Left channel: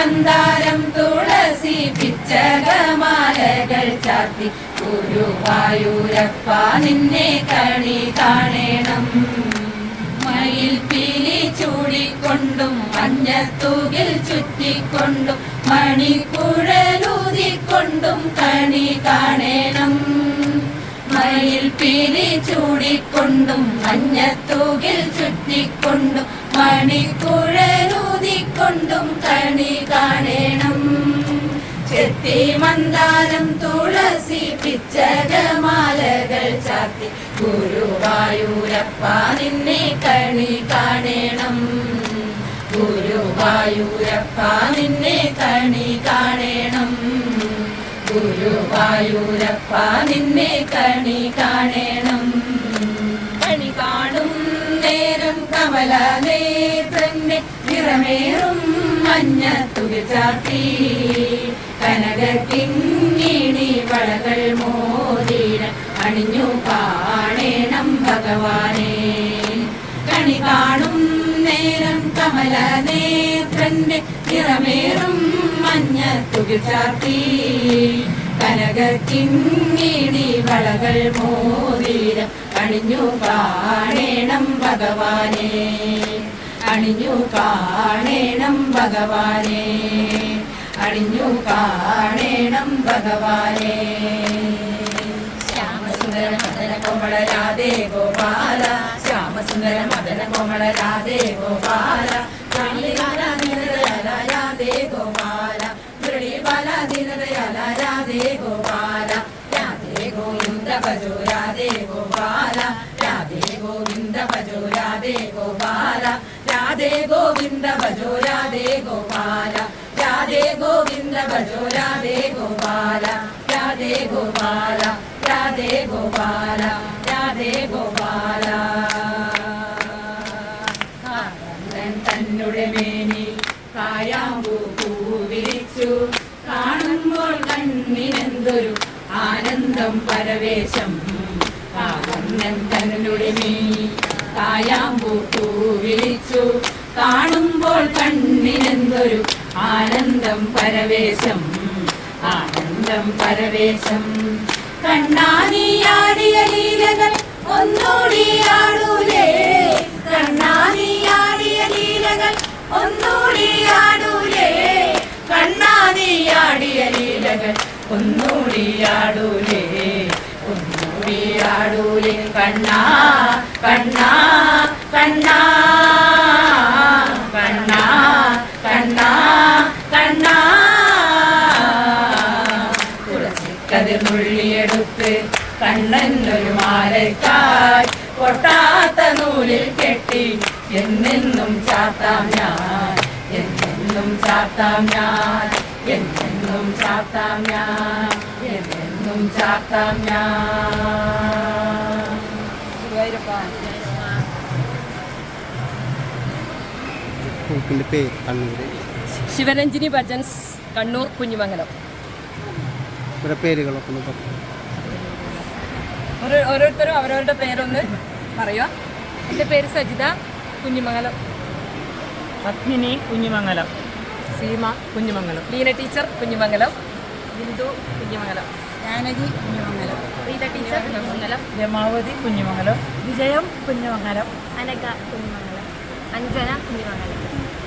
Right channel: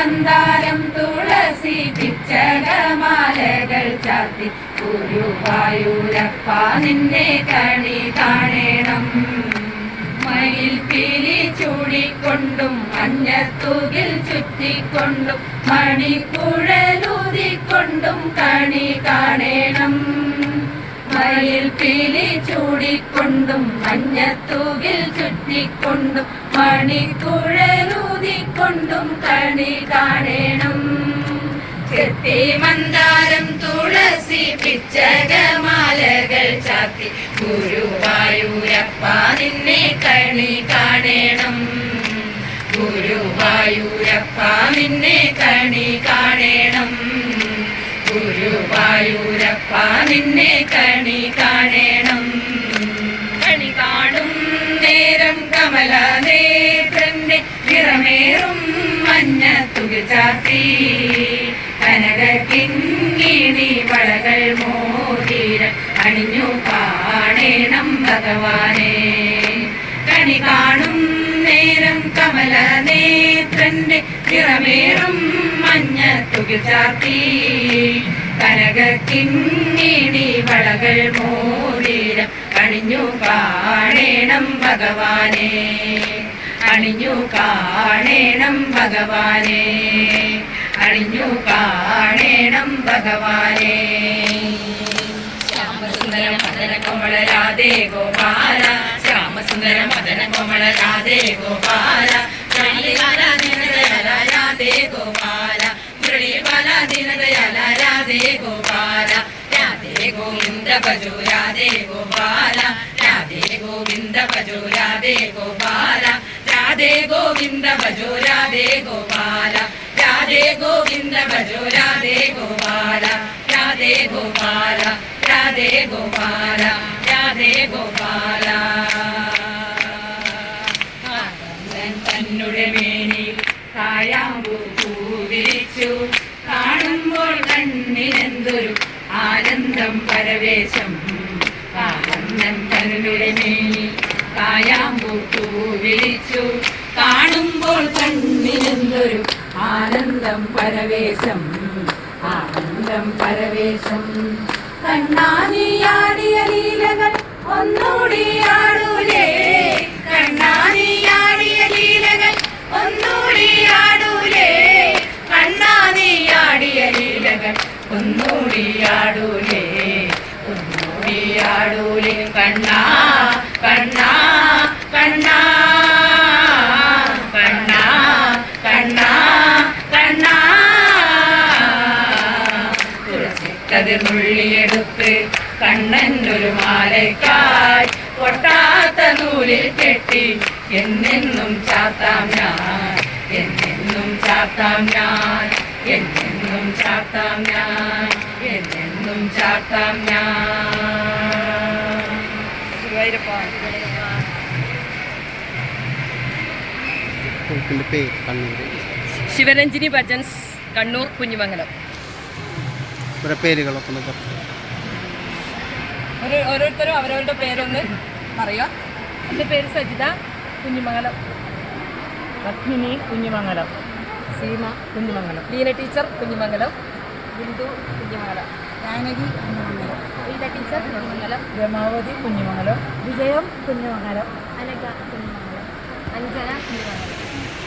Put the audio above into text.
മന്ദാരം തുളസി പിച്ചകമാലകൾ ചാർത്തി ഗുരുവായൂരപ്പ നിന്നെ കണി കാണണം. മയിൽ പീലി ചൂടിക്കൊണ്ടും മഞ്ഞത്തൂകിൽ ചുറ്റിക്കൊണ്ടും മണിക്കുഴലൂതിക്കൊണ്ടും കണി കാണണം. മയിൽ പീലി ചൂടിക്കൊണ്ടും മഞ്ഞത്തൂകിൽ ചുറ്റിക്കൊണ്ടും മണിക്കുഴലൂതിക്കൊണ്ടും കണി കാണണം. ചെത്തി മന്ദാരം തുളസി പിച്ചകമാലകൾ ചാർത്തി ഗുരുവായൂരപ്പ നിന്നെ കണി കാണണം. ഗുരുവായൂരപ്പ നിന്നെ കണി കാണണം. ഗുരുവായൂരപ്പ നിന്നെ കണി കാണണം. കണി കാണും നേരം കമലനേത്രന്റെ നിറമേറും മഞ്ഞത്തുകിൽ ചാർത്തി കനകക്കിങ്ങിണി വളകൾ മോതിരം അണിഞ്ഞു കാണണം ഭഗവാനെ. കണി കാണും നേരം കമലനേത്രന്റെ നിറമേറും മഞ്ഞത്തുകിൽ ചാർത്തി കനകക്കിങ്ങിണി വളകൾ മോതിരം അണിഞ്ഞു കാണണം ഭഗവാനെ. അണിഞ്ഞു കാണണം ഭഗവാനെ. അണിഞ്ഞു കാണണം ഭഗവാനെ. ശ്യാമസുന്ദര മദന കോമള രാധേ ഗോപാല. ശ്യാമസുന്ദര മദന കോമള രാധേ ഗോപാല. മുരളീബാല ദീനദയാല രാധേ ഗോപാല. മുരളീബാല ദീനദയാല രാധേ ഗോപാല. രാധേ ഗോവിന്ദ ഭജോ രാധേ ഗോപാല. രാധേ ഗോവിന്ദ ഭജോ രാധേ ഗോപാല. രാധേ ഗോവിന്ദ ഭജോ രാധേ ഗോപാല. രാധേ ഗോവിന്ദ ഭജോ രാധേ ഗോപാല. രാധേ ഗോപാല. രാധേ ഗോപാല. രാധേ ഗോപാല. തന്നുടെ മേനി കായാമ്പൂ പൂവിരിച്ചു കാണുമ്പോൾ കണ്ണിനെന്തൊരു ആനന്ദം പരവേശം. ആനന്ദം തന്നുടെ മേനി കായാമ്പൂ പൂവിരിച്ചു കാണുമ്പോൾ കണ്ണിനെന്തൊരു ആനന്ദം പരവേശം. ആനന്ദം പരവേശം. കണ്ണാനിയാടിയ ലീലകൾ ഒന്നുകൂടി ആടൂലേ. കണ്ണാനിയാടിയ ലീലകൾ ഒന്നുകൂടി ആടൂലേ. കണ്ണാനിയാടിയ ലീലകൾ ഒന്നുകൂടി ആടൂലേ. ഒന്നുകൂടി ആടൂലേ. കണ്ണാ കണ്ണാ കണ്ണാ കണ്ണാ കണ്ണാ കണ്ണാ. തുളസിക്കതിർ നുള്ളിയെടുത്ത് കണ്ണനൊരു മാലയ്ക്കായി പൊട്ടാത്ത നൂലിൽ കെട്ടി എന്നെന്നും ചാത്താം ഞാൻ. എന്നെന്നും ചാത്താം ഞാൻ. എന്നെന്നും ചാത്താം ഞാൻ. എന്നെന്നും ചാത്താം ഞാൻ. ശിവരഞ്ജിനി ഭജൻസ്, കണ്ണൂർ കുഞ്ഞിമംഗലം. പേരുകളൊക്കെ ഓരോരുത്തരും അവരവരുടെ പേരൊന്ന് പറയുക. എൻ്റെ പേര് സജിത, കുഞ്ഞിമംഗലം. പത്മിനി, കുഞ്ഞിമംഗലം. സീമ, കുഞ്ഞിമംഗലം. ലീന ടീച്ചർ, കുഞ്ഞിമംഗലം. ബിന്ദു, കുഞ്ഞിമംഗലം. ജാനകി, കുഞ്ഞിമംഗലം. റീത ടീച്ചർ, കുഞ്ഞിമംഗലം. രമാവതി, കുഞ്ഞിമംഗലം. വിജയം, കുഞ്ഞിമംഗലം. അനഘ, കുഞ്ഞിമംഗലം. അഞ്ജന, കുഞ്ഞിമംഗലം.